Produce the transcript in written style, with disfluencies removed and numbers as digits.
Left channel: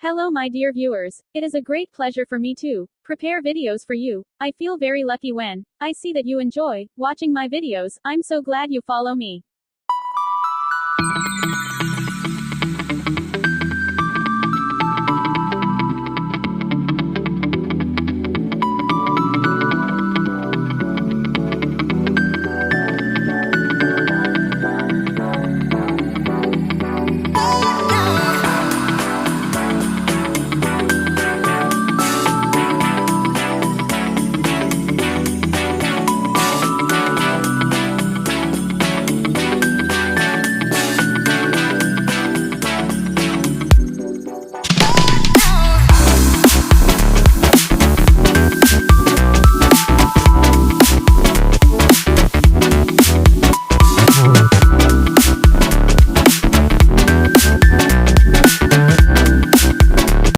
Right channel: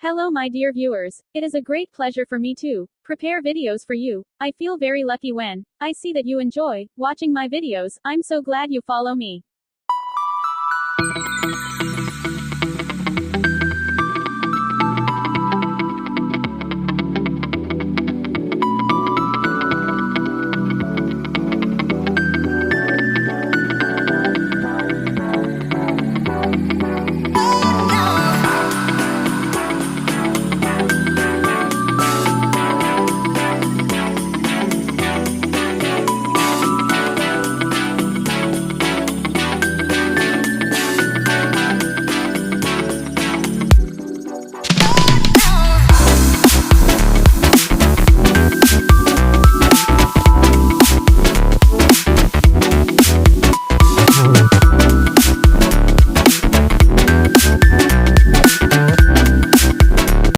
Hello my dear viewers, it is a great pleasure for me to prepare videos for you. I feel very lucky when I see that you enjoy watching my videos. I'm so glad you follow me.